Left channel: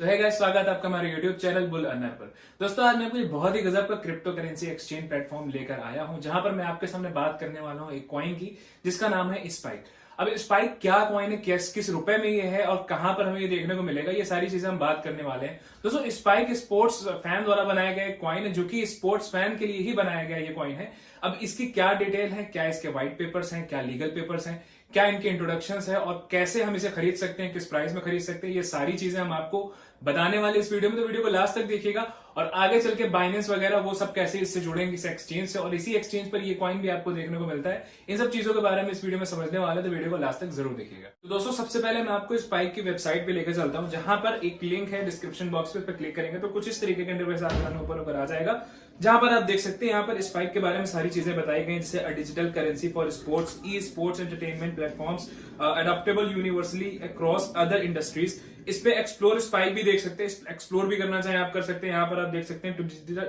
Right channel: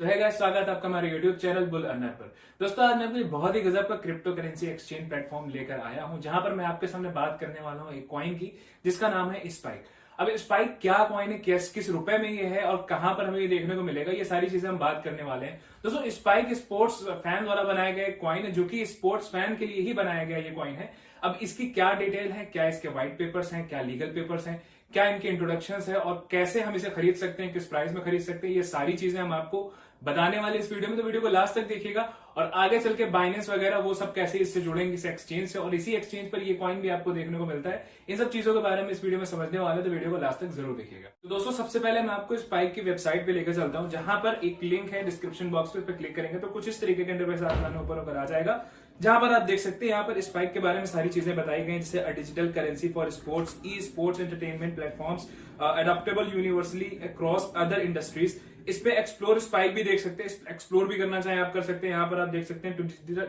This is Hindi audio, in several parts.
तो है गाइस, स्वागत है आपका हमारे YouTube चैनल बुल अर्नर पर। दोस्तों, आज मैं आपको बहुत ही गजब का क्रिप्टो करेंसी एक्सचेंज प्लेटफॉर्म लेकर आया हूं, जहां पर मैं आपके सामने बात करने वाला हूं एक कॉइन की, जिसका नाम है स्पाइक। अब स्पाइक क्या कॉइन है, किस किस रुपए में ये है और कहां पर हमें ये देखने को मिलेगा, ये सारी चीजें हम बात करने वाले हैं। दोस्तों, स्पाइक स्पोर्ट्स फैन द्वारा बनाया गया एक कॉइन है, जो कि स्पोर्ट्स फैन के लिए ही बनाया गया ये कॉइन है। अब इसकी क्या डिटेल है, क्या इसके व्हाइट पेपर्स हैं, क्या लीगल पेपर्स हैं, क्या इनके इंट्रोडक्शन है और कैसे हम इसे खरीद सकते हैं, किस प्राइस में खरीद सकते हैं, ये सारी चीजें हम आपको बताने वाले इस वीडियो में। तो वीडियो को लास्ट तक देखिएगा और आगे चल के बाइनेंस वगैरह वो सब कैसे इससे जुड़ेंगे इस एक्सचेंज से, और इसी एक्सचेंज पर ये कॉइन भी आपको देखने को मिलता है। इन सब चीजों के बारे में इस वीडियो में समझने वाले, तो वीडियो को लास्ट तक जरूर देखिएगा। तो दोस्तों, सबसे पहले मैं आपको स्पाइक की वेबसाइट पे लेकर चलता हूं, जहां पर एक लिंक है डिस्क्रिप्शन बॉक्स पे, क्लिक करेंगे तो कुछ इस तरीके के इंटरफेस आपके ऊपर होकर आ जाएगा, जहां पर आप देख सकते हैं यहाँ पर स्पाइक के बारे में सारी चीजें बताई गई, जैसे a digital currency for sports, e sports entertainment platforms, adaptable universally across other industries. इस पे एक्सप्लोर स्पाइक भी देख सकते हैं, एक्सप्लोर भी करना चाहें आप कर सकते हैं। यहाँ पर आप देख सकते हैं to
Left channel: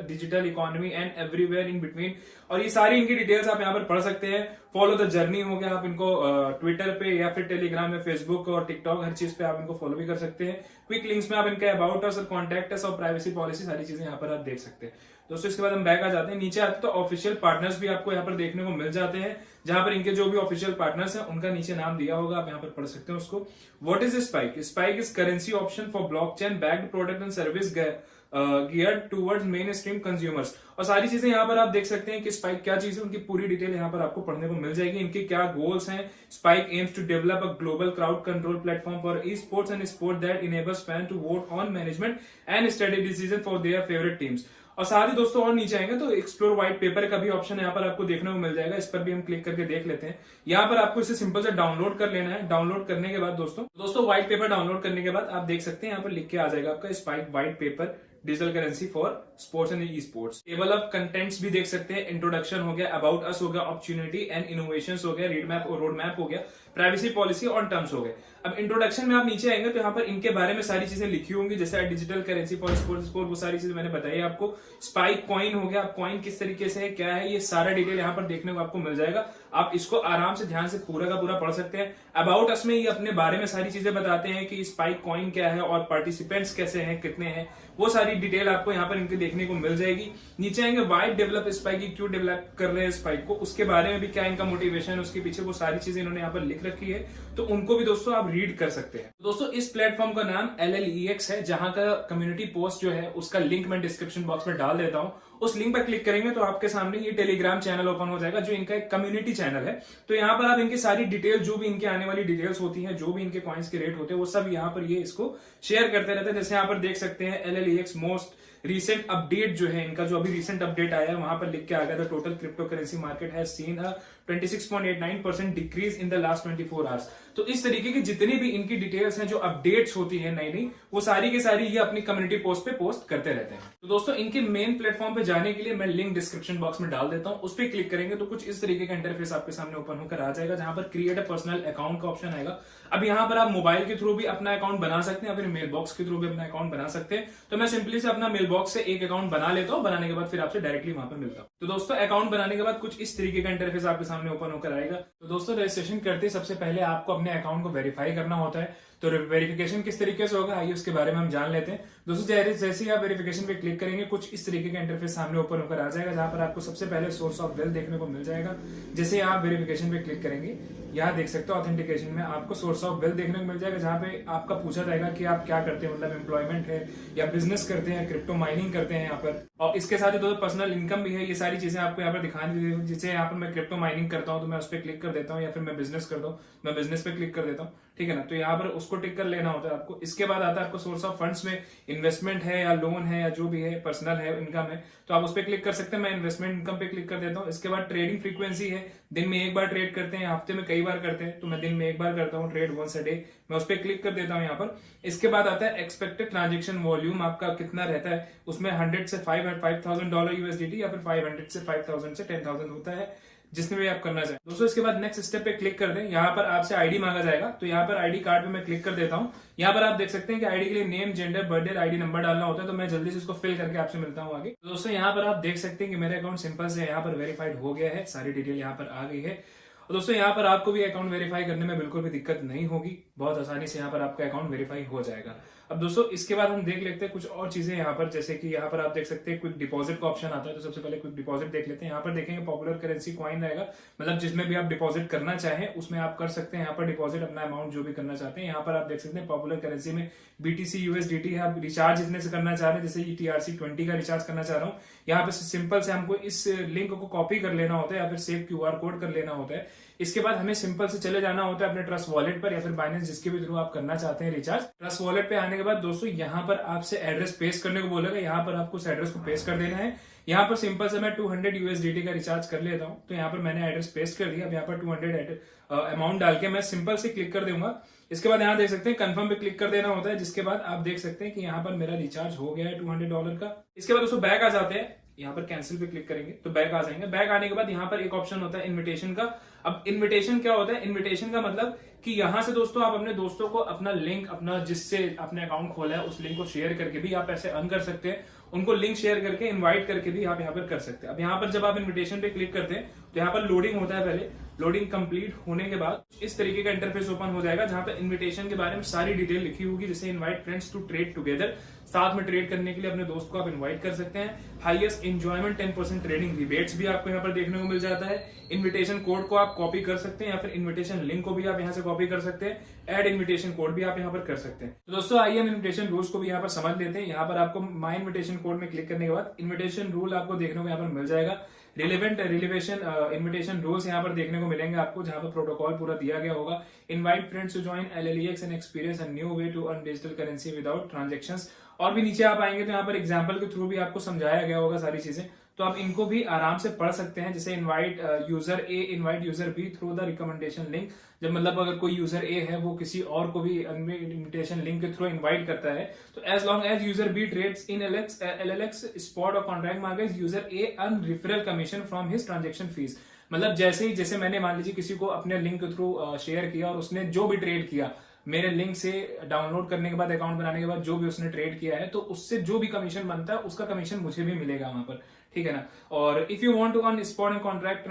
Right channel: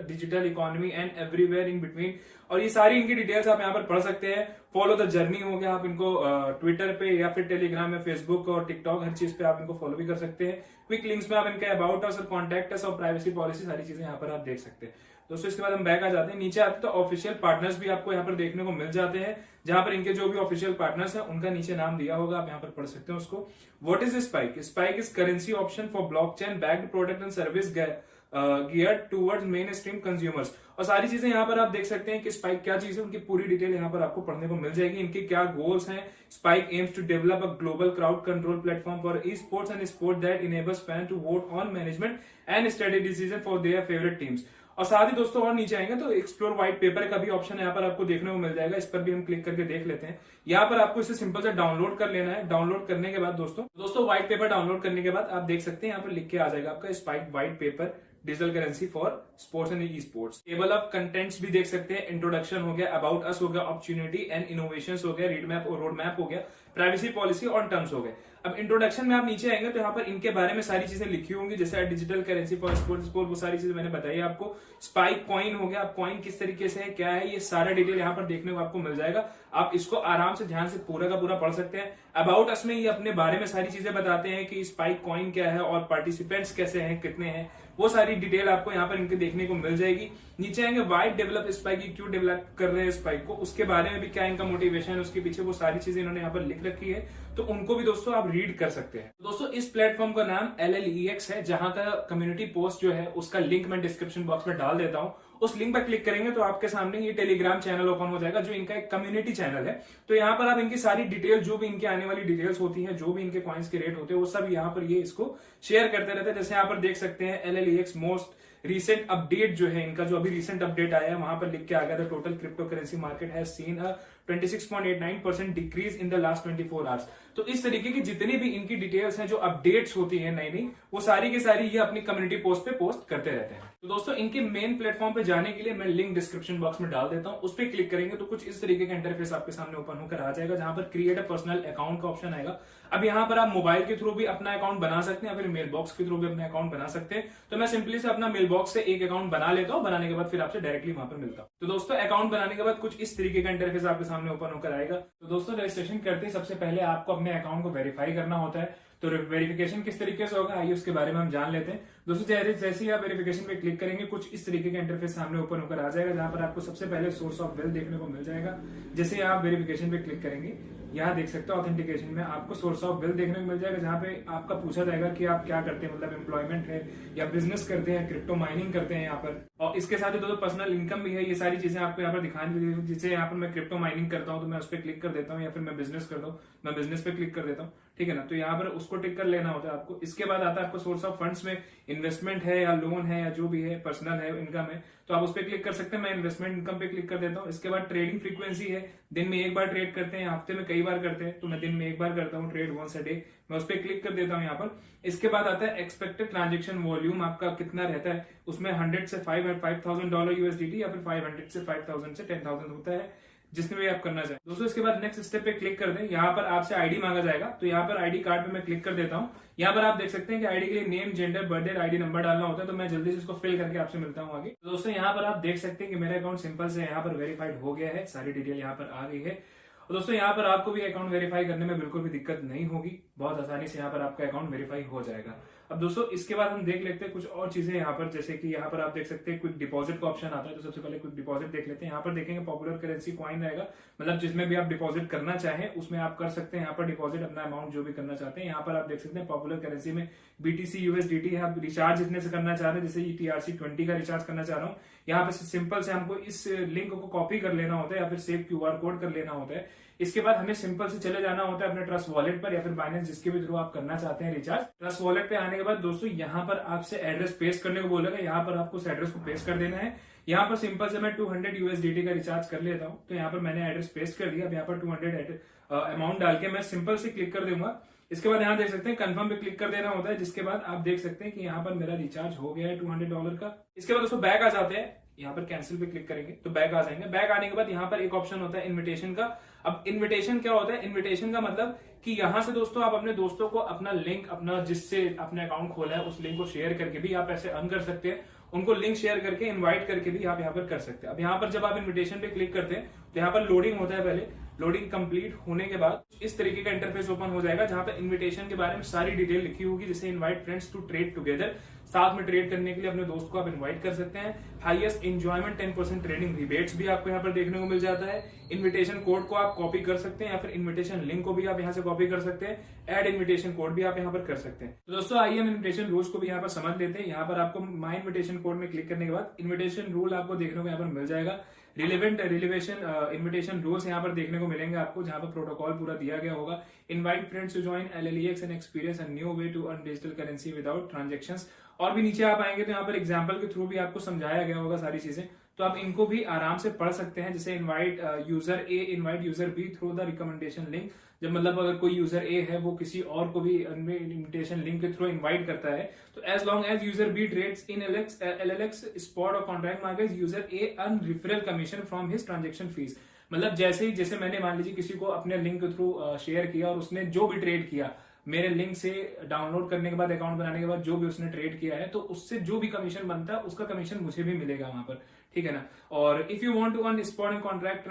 digital economy and everywhere in between, और ये सारी इनकी डिटेल्स आप यहाँ पर पढ़ सकते हैं। फॉलो द जर्नी हो गया, आप इनको ट्विटर पे या फिर टेलीग्राम या फेसबुक और टिकटॉक, हर चीज पे आप इनको फॉलो भी कर सकते हैं। क्विक लिंक्स में आप इनके अबाउट अस और कॉन्टैक्ट अस और प्राइवेसी पॉलिसी, सारी चीजें यहाँ पर आप देख सकते हैं। दोस्तों, इसके बाद हम बैक आ जाते हैं, नीचे आते तो ऑफिशियल पार्टनर्स भी आपको यहाँ पर देखने को मिल जाते हैं, जहां पर इनके जो भी ऑफिशियल पार्टनर्स हैं उनका नीचे नाम दिया होगा, आप यहाँ पर पढ़ सकते हैं उसको। What is spike? Spike is currency option for blockchain backed product and service geared towards main stream consumers. और सारी चीजें यहाँ पर आप देख सकते हैं कि स्पाइक क्या चीज है, उनकी पूरी डिटेल यहाँ पर आपको पढ़ने को मिल जाएगी। इनके क्या गोल्स हैं। Spike aims to develop a global crowd control platform for esports and sport that enables fan to vote on management and study decision for their favourite teams. और साथ ही दोस्तों, और नीचे आएंगे तो एक्सप्लोर व्हाइट पेपर का भी ऑप्शन यहाँ पर आपको देखने को मिल जाएगा, इस पर भी हम क्लिक करके देख लेते हैं। यहाँ पर आपको इसे सिंपल से डाउनलोड कर लेना है। डाउनलोड करने के बाद दोस्तों व्हाइट पेपर डाउनलोड करने के बाद आप देख सकते हैं यहाँ पर लिख के आ जाएगा आपका spike white paper digital currency for sports and e sports. Table of contents भी देख सकते हैं, इंट्रोडक्शन हो गया, अबाउट अस हो गया, अपॉर्चुनिटी एंड इनोवेशंस हो गया, रोड मैप हो गया, प्राइवेसी पॉलिसी और टर्म्स हो गए। अब इंट्रोडक्शन में आप नीचे आएंगे तो यहाँ पर इनके बारे में सारी चीजें लिखी होंगी, जैसे डिजिटल करेंसी फॉर स्पोर्ट्स, वो सारी चीजें मैंने बताई आपको। स्पाइक कॉइन हो गया, कॉइन किस तरीके से है, क्या है, ये सारा डिटेल यहाँ पर देखने को आपको मिल जाएगा। आप इसको आराम से ध्यान से पूरा का पूरा पढ़ सकते हैं। अबाउट अस में ये अपने बारे में सारी चीजें बताते हैं कि स्पाइक कॉइन क्या है और पार्टिसिपेंट्स कैसे हैं, कितने हैं, वो सारी डिटेल आपको यहाँ पर इनके देखने को मिल जाएगी। नीचे आएंगे वाई डेवलप स्पाइक, क्यों डेवलप कर रहे हैं स्पाइक को, उसके बारे में भी क्या इनका मोटिवेशन है, उसके पीछे वो सारी चीजें इन्होंने यहाँ पर लिख रखी है, तो उनको भी दोस्तों आप रीड कर सकते हैं। दोस्तों, इस प्लेटफॉर्म का नाम LLEX है, जहां का कम्युनिटी पोस्ट जो है उसका लिंक मैं डिस्क्रिप्शन बॉक्स में डाल देता हूं। उस लिंक पर क्लिक करेंगे तो आपके सामने ये टेलीग्राम चैनल ओपन हो जाएगा, जो इनका एक कम्युनिटी चैनल है। तो यहाँ पर आप इनकी सारी डिटेल, जो भी इनके आने वाली डिटेल्स होती हैं, जो भी इनके कॉइन्स के रेट होते हैं, वो सब यहाँ पर ये इसको शेयर करते रहते हैं। जैसे यहाँ पर देख सकते हैं LLEX मोस्ट रिसेंट अपडेट जो है इनका, जो अभी रिसेंट अपडेट आया है, वहां पर लिख के आ गया था total crypto currency market has seen a 26.89% decrease in the last 24 hours. तो इस तरीके की जितनी भी इनकी डिटेल्स हैं, जो अपडेट्स होती हैं नई नई, वो सारी की सारी ये अपनी कम्युनिटी पोस्ट पे पोस्ट करते रहते हैं। तो दोस्तों, इनके मेन प्लेटफॉर्म पे जाने के लिए मैं लिंक डिस्क्रिप्शन बॉक्स में डाल देता हूं, उस पर क्लिक करेंगे तो कुछ इस तरीके का इंटरफेस आपके सामने ओपन होकर आ जाएगा, जहां पर क्रिएट अ पर्सनल अकाउंट का ऑप्शन आएगा। अब यहाँ पर आप मोबाइल के थ्रू भी अपना अकाउंट बना सकते हैं या फिर मेल बॉक्स के थ्रू भी अपना अकाउंट बना सकते हैं। तो मैं सिंपली से अपना मेल बॉक्स से एक अकाउंट बना लेता हूँ, बनाने के बाद फिर आपसे डायरेक्टली वहां पर मिलता हूँ। तो दोस्तों, अकाउंट बनाने के बाद कुछ इस तरीके का इंटरफेस आपके सामने ओपन होकर आएगा। तो दोस्तों, रजिस्ट्रेशन करते सबसे पहले आपको अपने अकाउंट को वेरीफाई करना होता है। तो वेरिफिकेशन किस तरीके से होगा, आइए उसके बारे में हम जान लेते हैं। दोस्तों, जैसे ही आप वेरिफिकेशन पे क्लिक करेंगे, कुछ इस तरीके का इंटरफेस सामने ओपन होकर आ जाएगा, जहां पर आपको सबसे पहले सोर्स ऑफ वेल्थ देखने को मिल जाएगा। जैसे आप वेरिफिकेशन पे क्लिक करेंगे, यहाँ देख सकते हो ऑथेंटिकेशन में आपको सोर्स ऑफ वेल्थ देखने को मिल जाएगा, जहां पे आपका पूछा जाएगा कि आप क्या करते हैं, मतलब एम्प्लॉयमेंट है या बिजनेस करते हैं, क्रिप्टो माइनिंग करते हैं यहाँ पर। और इसके साथ ही दोस्तों पर्सनल इनकम भी है, ये सारी चीजें आपको यहाँ पर दिखानी। जैसे यहाँ पर मैं क्रिप्टो माइनिंग करता हूँ तो मैं उस पर क्लिक कर देता हूँ, या फिर मैं बिजनेस करता हूँ, मैं बिजनेस पे क्लिक कर देता हूँ, ठीक है ना। तो यहाँ पर उसको टिक कर लेना होता है आपको। इसके बाद आता है आपको सोर्स ऑफ फंड्स में इन्वेस्टमेंट है या लोन है या जो भी है, पर्सनल है, इनकम है, तो आप उस पर क्लिक कर सकते हैं। मैं इन्वेस्टमेंट इनकम पे क्लिक कर देता हूँ। इसके बाद ट्रेडिंग फ्रीक्वेंसी है, दिन में एक बार ट्रेड करते हैं, हफ्ते में कई बार करते हैं, तो मैं दिन में एक बार करता हूँ ट्रेड, वंस अ डे, मैं उस पर क्लिक कर देता हूँ यहाँ पर। इसके बाद आता है एक्सपेक्टेड ट्रांजेक्शन वॉल्यूम आपका कितना रहता है, उसमें 100 से $5,000 USDT या फिर 500 से 5,000 से 10,000 होता है, जिसमें भी आप करना चाहें। दोस्तों, इसके बाद नेक्स्ट स्टेप पे क्लिक कर दें। यहाँ पर आपसे आईडी मांगा जाएगा, तो यहाँ पर आईडी कार्ड पे मैं क्लिक कर देता हूँ। यहाँ पर आप देख सकते हैं कि आईडी के लिए name, gender, birthday, ID number डालना होता है, तो मैं जल्दी से इसको फिल करके आपसे मिलता हूँ आगे। तो दोस्तों, यहाँ पर आप देख सकते हैं कि मेरा अकाउंट सिंपल से यहाँ पर वेरीफाइड हो गया है, सारी डिटेल यहाँ पर आ गई है। और दोस्तों, यहाँ पर आपको भी अकाउंट वेरीफाई करने में बिल्कुल भी दिक्कत नहीं होगी, बहुत आसानी से यहाँ पर आपका अकाउंट वेरीफाई हो जाएगा। अब दोस्तों इसके बाद हम देख लेते हैं कुछ और चीजें यहाँ पर, जैसे कि यहाँ पर आप देख सकते हैं क्विक डिपॉजिट का ऑप्शन आता है। तो सबसे पहले क्विक डिपॉजिट देख लेते हैं। यहाँ पर देखेंगे पॉपुलर करेंसी कॉइन रहेगा, मतलब जिसमें भी आप डिपॉजिट करना चाहें उसमें आप कर सकते हैं। यहाँ पर डिपॉजिट अपना अमाउंट जो भी करना चाहते हैं। यहाँ पर आप देख सकते हैं पॉपुलर करेंसी में BTC USDT है। आप रिचार्ज इसमें से करना चाह रहे हैं, जैसे TRC20 का रिचार्ज करना चाह रहा हूँ, यहाँ पे सिंपल से हमको इस लिंक को कॉपी कर लेना होता है या फिर सेव QR कोड कर लेना होता है। इसके बाद हमें सिंपल से चले जाना होता है अपने ट्रस्ट वॉलेट पर या फिर बाइनेंस जिसके भी थ्रू आप करना चाहते हैं रिचार्ज। ट्रस्ट वॉलेट पे आने के बाद दोस्तों यहाँ पर आपसे एड्रेस पेस्ट करने को बोलेगा। यहाँ पर आपको उस एड्रेस को पेस्ट कर देना है। यहाँ पर सिंपल से मैं 200 USDT का रिचार्ज कर लेता हूँ। तो यहाँ पर मैंने एड्रेस पेस्ट कर दिया। अब यहाँ पर 200 अमाउंट डाल के मैं सिंपल से क्लिक कर दूंगा। इसके बाद यहाँ देख सकते हैं कंफर्म पे क्लिक कर देना होता है, जिसके बाद आप देख सकते हैं कि यहाँ पर मेरा रिचार्ज हो गया है $200 का। इसके बाद दोस्तों बैक आ जाते हैं। यहाँ पर कैंसिल पे क्लिक करेंगे तो बैक आ जाएंगे। बैक आने के बाद यहाँ पर एक ऑप्शन होता है इनविटेशन का। अब इनविटेशन क्या होता है? इनविटेशन का मतलब कि यहाँ से दोस्तों आप अपने दोस्तों को अपना लिंक, अपना जिससे अपने अकाउंट खोला है उस लिंक को शेयर करके भी आप ऐसे अर्न कर सकते हैं। उनको लिंक शेयर करके इनवाइट करके भी आप यहाँ पर कर सकते हैं। अब यहाँ पर जब आप इनविटेशन पे क्लिक करते हैं तो यहाँ पर लोडिंग होता है। पहले लोडिंग कंप्लीट होने के बाद इस तरीके का इंटरफेस ओपन हो जाएगा, जहां पर इनविटेशन के बारे में सारी डिटेल लिखी होगी, जैसे invite friends to trade together, साथ में ट्रेड करने के लिए अपने दोस्त को आप इनवाइट कर सकते हैं। हाईएस्ट एंजॉयमेंट 10% ट्रेडिंग रिबेट्स भी आपको यहाँ पर देखने को मिल जाता है। इनविटेशन कोड को आप कॉपी कर सकते हैं या फिर इनविटेशन लिंक को भी आप यहाँ से कॉपी कर सकते हैं। ऐड इनविटेशन कोड भी आप यहाँ पर कर सकते हैं। तो दोस्तों आइए हम इनविटेशन रूल्स को भी यहाँ पर समझ लेते हैं। यहाँ पर आपको माई इनविटेशन कोड में क्लिक करने के बाद इनविटेशन रूल आपको देखने को यहाँ पर मिल जाएगा। रिलेवेंट इनविटेशन रूल्स यहाँ पर देखने को मिलेंगे आपको, जहां पर प्रोटोकॉल पूरा दिया गया होगा। Invite friends to join LLEX and experience a new way to earn digital currency without transactions. और भी नीचे आप आएंगे तो यहाँ पर एग्जाम्पल के थ्रू भी आपको समझाया गया होगा सारी चीजें, तो आप इनको भी आराम से पढ़ सकते हैं। जैसे invite user A invite user B through the recommendation link, जब मतलब अगर कोई यूजर ए है वो किसी और को भी इनविटेशन लिंक के थ्रू इनवाइट करता है, तो as long as user B trades in LLX spot और contract market, user A earn referral commission from his transaction fees. मतलब जैसे मैंने मान लीजिए किसी को अपने लिंक के थ्रू शेयर किया और उसने जो भी ट्रेड किया मेरे लिंक से डाउनलोड करने के बाद, अकाउंट बनाने के बाद जो भी उसने ट्रेड किया है, तो उससे जो भी कमीशन बनता है उसका कमीशन मुझे भी मिलेगा वहां पर, ठीक है ना। और if you want to earn spot and contract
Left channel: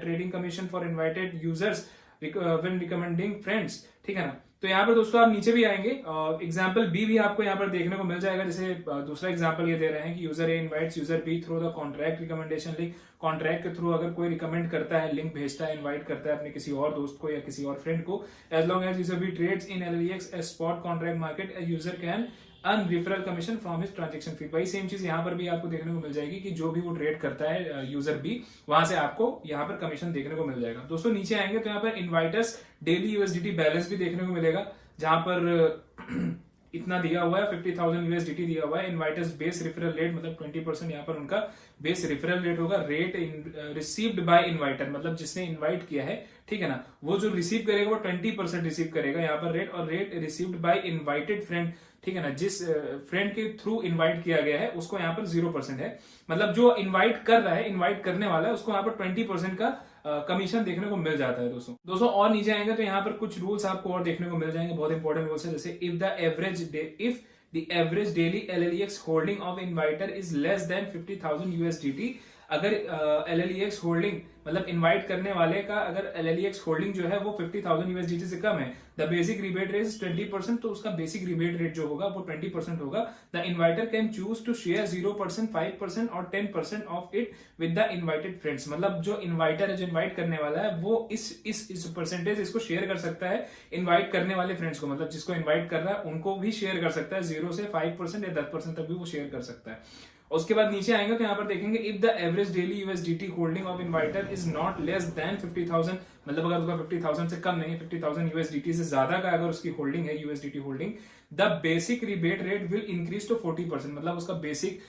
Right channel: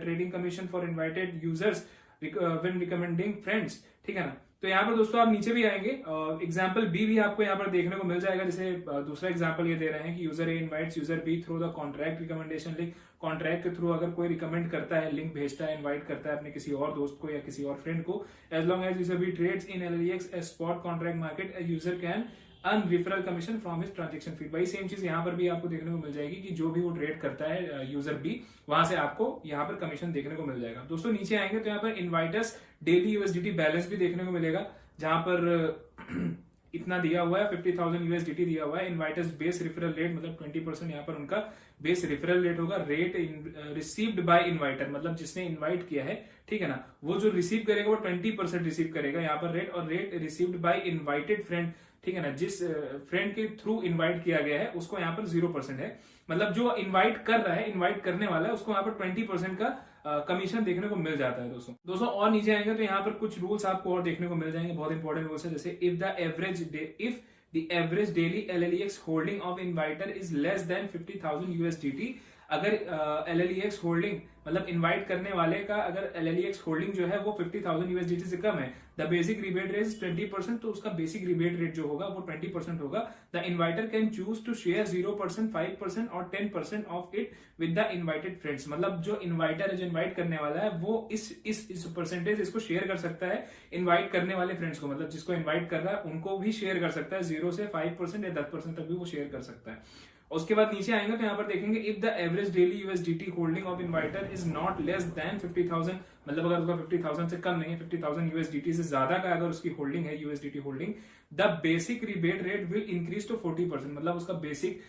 trading commission for invited users when recommending friends, ठीक है ना। तो यहाँ पर दोस्तों आप नीचे भी आएंगे, एग्जाम्पल बी भी आपको यहाँ पर देखने को मिल जाएगा। जैसे दूसरा एग्जाम्पल ये दे रहे हैं कि user A invites user B through the contract recommendation link. Contract के थ्रू अगर कोई रिकमेंड करता है, लिंक भेजता है, इनवाइट करता है अपने किसी और दोस्त को या किसी और फ्रेंड को, as long as user B trades in LLEX a spot contract market, user can earn referral commission from his transaction fee. वही सेम चीज यहाँ पर भी आपको देखने को मिल जाएगी कि जो भी वो ट्रेड करता है यूजर बी, वहां से आपको यहाँ पर कमीशन देखने को मिल जाएगा। दोस्तों नीचे आएंगे तो यहाँ पर इनवाइटर्स डेली USDT बैलेंस भी देखने को मिलेगा, जहां पर इतना दिया हुआ है 50,000 USDT दिया हुआ है। इनवाइटर्स बेस रेफरल रेट मतलब 20% यहाँ पर उनका बेस रेफरल रेट होगा। रेट रिसीव्ड बाय इनवाइटर, मतलब जिसने इनवाइट किया है, ठीक है ना, वो जो रिसीव करेगा वो 20% रिसीव करेगा यहाँ पर रेट। और rate received by invited friend, ठीक है ना, जिस फ्रेंड के थ्रू इनवाइट किया गया है उसको यहाँ पर 0% है। मतलब जो इनवाइट कर रहा है, इनवाइट करने वाला है, उसको यहाँ पर 20% का कमीशन देखने को मिल जाता है दोस्तों। और नीचे आएंगे तो यहाँ पर कुछ रूल्स आपको और देखने को मिल जाएंगे, बहुत इंपॉर्टेंट रूल्स है। जैसे if the average daily LLEX holding of inviter is less than 50,000 USDT, अगर LLEX होल्डिंग मतलब इनवाइट करने वाले का अगर LLEX होल्डिंग जो है वो 50,000 USDT से कम है, the basic rebate rate is 20%, तो उसका बेसिक रिबेट रेट जो होगा वो 20% होगा। The inviter can choose to share 0%, 5% और 10% of it with the invited friends. मतलब जो इनवाइटर है, जो इनवाइट करने वाला है, वो इस परसेंटेज इसको शेयर कर सकता है इनवाइट करने वाले फ्रेंड्स को, मतलब जिसको इनवाइट कर रहा है उनको भी शेयर कर सकता है। 0 से 5% या 10% तक भी वो शेयर कर सकता है। उसके बाद नीचे आएंगे तो यहाँ पर देखेंगे if the average daily USDT holding of inviter is not less than 50,000, मतलब अगर उसका 50,000 से कम नहीं है, 50,000 USDT से ज्यादा का अगर उसकी होल्डिंग है, USDT holding, the basic rebate rate will increase to 40%, मतलब उसका बेसिक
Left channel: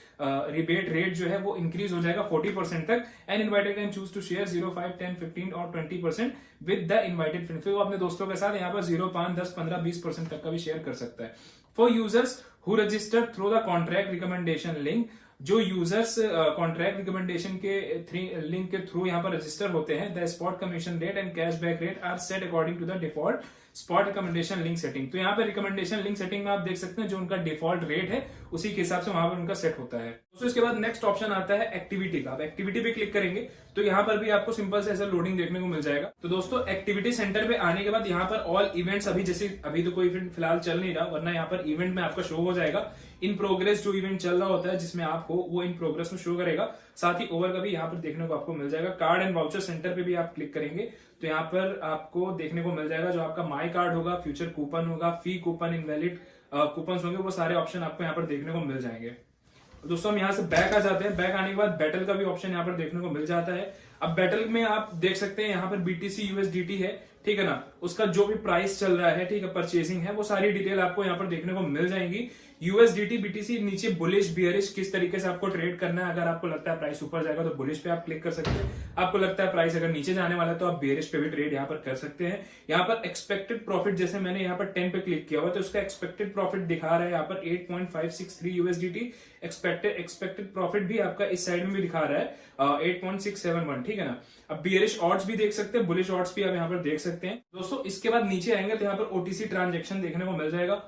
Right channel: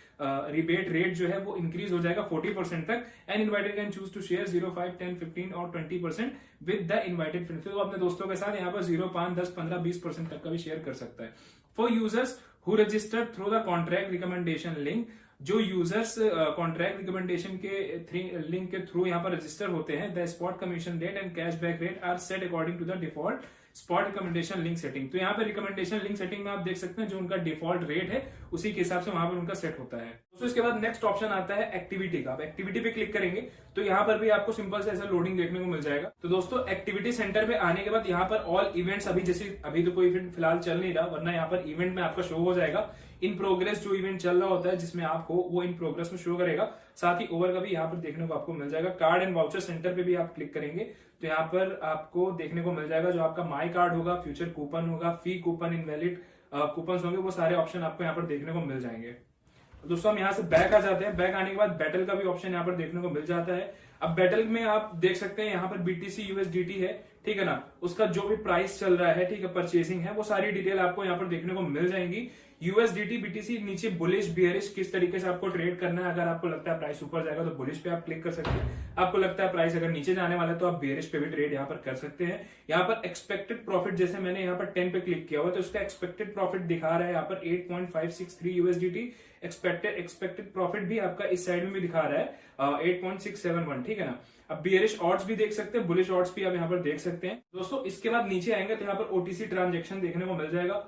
रिबेट रेट जो है वो इंक्रीज हो जाएगा 40% तक। And inviter can choose to share 0, 5, 10, 15 और 20% विद द इनवाइटेड फ्रेंड। फिर वो अपने दोस्तों के साथ यहाँ पर 0, 5, 10, 15, 20% तक का भी शेयर कर सकता है। For users who register through the contract recommendation link, जो यूजर्स कॉन्ट्रैक्ट रिकमेंडेशन के लिंक के थ्रू यहाँ पर रजिस्टर होते हैं, the spot commission rate and cashback rate are set according to the default spot recommendation link setting. तो यहाँ पे रिकमेंडेशन लिंक सेटिंग में आप देख सकते हैं जो उनका डिफॉल्ट रेट है उसी के हिसाब से वहां पर उनका सेट होता है। तो इसके बाद नेक्स्ट ऑप्शन आता है एक्टिविटी का। आप एक्टिविटी पे क्लिक करेंगे तो यहाँ पर भी आपको सिंपल से ऐसा लोडिंग देखने को मिल जाएगा। तो दोस्तों एक्टिविटी सेंटर पे आने के बाद यहाँ पर ऑल इवेंट्स, अभी तो कोई इवेंट फिलहाल चल नहीं रहा, वरना यहाँ पर इवेंट में आपका शो हो जाएगा इन प्रोग्रेस। जो इवेंट चल रहा होता है जिसमें आप हो वो इन प्रोग्रेस में शो करेगा। साथ ही ओवर का भी यहाँ पर देखने को आपको मिल जाएगा। कार्ड एंड वाउचर सेंटर पे भी आप क्लिक करेंगे तो यहाँ पर आपको देखने को मिल जाएगा जो आपका माई कार्ड होगा, फ्यूचर कूपन होगा, फी कूपन, इनवैलिड कूपन होंगे, वो सारे ऑप्शन आपको यहाँ पर देखने को मिल जाएंगे। दोस्तों हम यहाँ से बैक आ जाते हैं। बैक आने के बाद बैटल का भी ऑप्शन यहाँ पर देखने को मिल जाता है। अब बैटल में आप देख सकते हैं यहाँ पर BTC USDT है, ठीक है ना, उसका जो भी प्राइस चल रहा है, ठीक है, परचेसिंग है, वो सारी डिटेल आपको यहाँ पर देखने को मिल जाएंगी। USDT BTC नीचे बुलिश बियरिश किस तरीके से आपको ट्रेड करना है। अगर आपको लगता है प्राइस ऊपर जाएगा तो बुलिश पे आप क्लिक कर सकते हैं। आपको लगता है प्राइस अगर नीचे जाने वाला है तो आप बियरिश पे भी ट्रेड यहाँ पर कर सकते हैं। यहाँ पर एक्सपेक्टेड प्रॉफिट, जैसे मैंने यहाँ पर 10 पे क्लिक किया हुआ तो उसका एक्सपेक्टेड प्रॉफिट दिखा रहा है यहाँ पर 8.563 USDT। एक्सपेक्टेड प्रॉफिट भी आपका इस साइड में भी दिखा रहा है 8.671, ठीक है ना। अब बियरिश ऑड्स भी देख सकते हैं, बुलिश ऑड्स भी आप यहाँ पर देख सकते हैं। दोस्तों इसके बाद नीचे आएंगे तो यहाँ पर OTC ट्रांजेक्शन देखने को मिल जाएगा।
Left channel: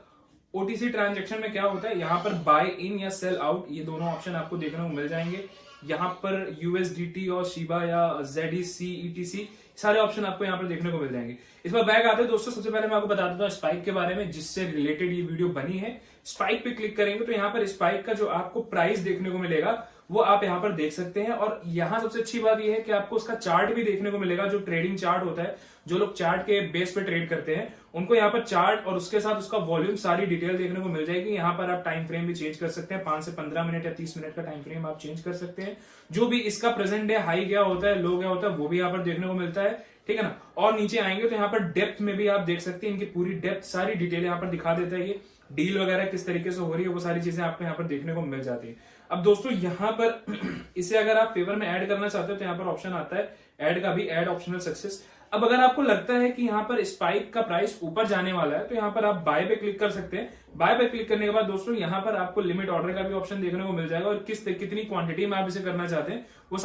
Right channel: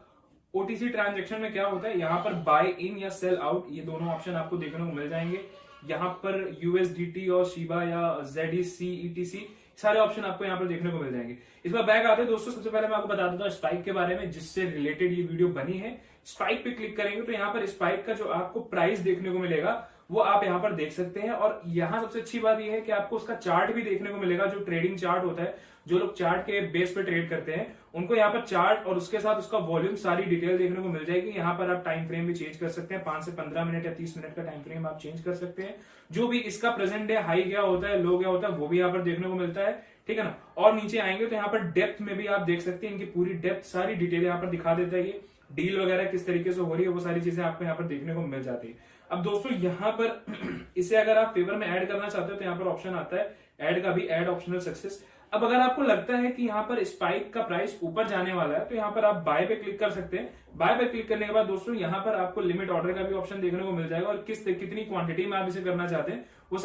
OTC ट्रांजेक्शन में क्या होता है, यहाँ पर बाय इन या सेल आउट, ये दोनों ऑप्शन आपको देखने को मिल जाएंगे। यहाँ पर USDT और शिबा या ZEC ETC सारे ऑप्शन आपको यहाँ पर देखने को मिल जाएंगे। इस बार बैक आते हैं दोस्तों, सबसे पहले मैं आपको बता देता हूँ स्पाइक के बारे में, जिससे रिलेटेड ये वीडियो बनी है। स्पाइक पे क्लिक करेंगे तो यहाँ पर स्पाइक का जो आपको प्राइस देखने को मिलेगा वो आप यहाँ पर देख सकते हैं। और यहाँ सबसे अच्छी बात यह है कि आपको उसका चार्ट भी देखने को मिलेगा, जो ट्रेडिंग चार्ट होता है। जो लोग चार्ट के बेस पे ट्रेड करते हैं उनको यहाँ पर चार्ट और उसके साथ उसका वॉल्यूम सारी डिटेल देखने को मिल जाएगी। यहाँ पर आप टाइम फ्रेम भी चेंज कर सकते हैं, 5 से 15 मिनट या 30 मिनट का टाइम फ्रेम आप चेंज कर सकते हैं। जो भी इसका प्रेजेंट डे हाई गया होता है, लो गया होता है, वो भी यहाँ पर देखने को मिलता है, ठीक है ना। और नीचे आएंगे तो यहाँ पर डेप्थ में भी आप देख सकते हैं, इनकी पूरी डेप्थ सारी डिटेल यहाँ पर दिखा देता है। ये डील वगैरह किस तरीके से हो रही है वो सारी चीजें आपको यहाँ पर देखने को मिल जाती है। अब दोस्तों यहाँ पर इसे अगर आप फेवर में ऐड करना चाहते हो तो यहाँ पर ऑप्शन आता है ऐड का भी, ऐड ऑप्शनल सक्सेस। अब अगर आपको लगता है कि यहाँ पर स्पाइक का प्राइस ऊपर जाने वाला है तो यहाँ पर आप बाय पे क्लिक कर सकते हैं। बाय पे क्लिक करने के बाद दोस्तों यहाँ पर आपको लिमिट ऑर्डर का भी ऑप्शन देखने को मिल जाएगा और कितनी क्वांटिटी में आप इसे करना चाहते हैं वो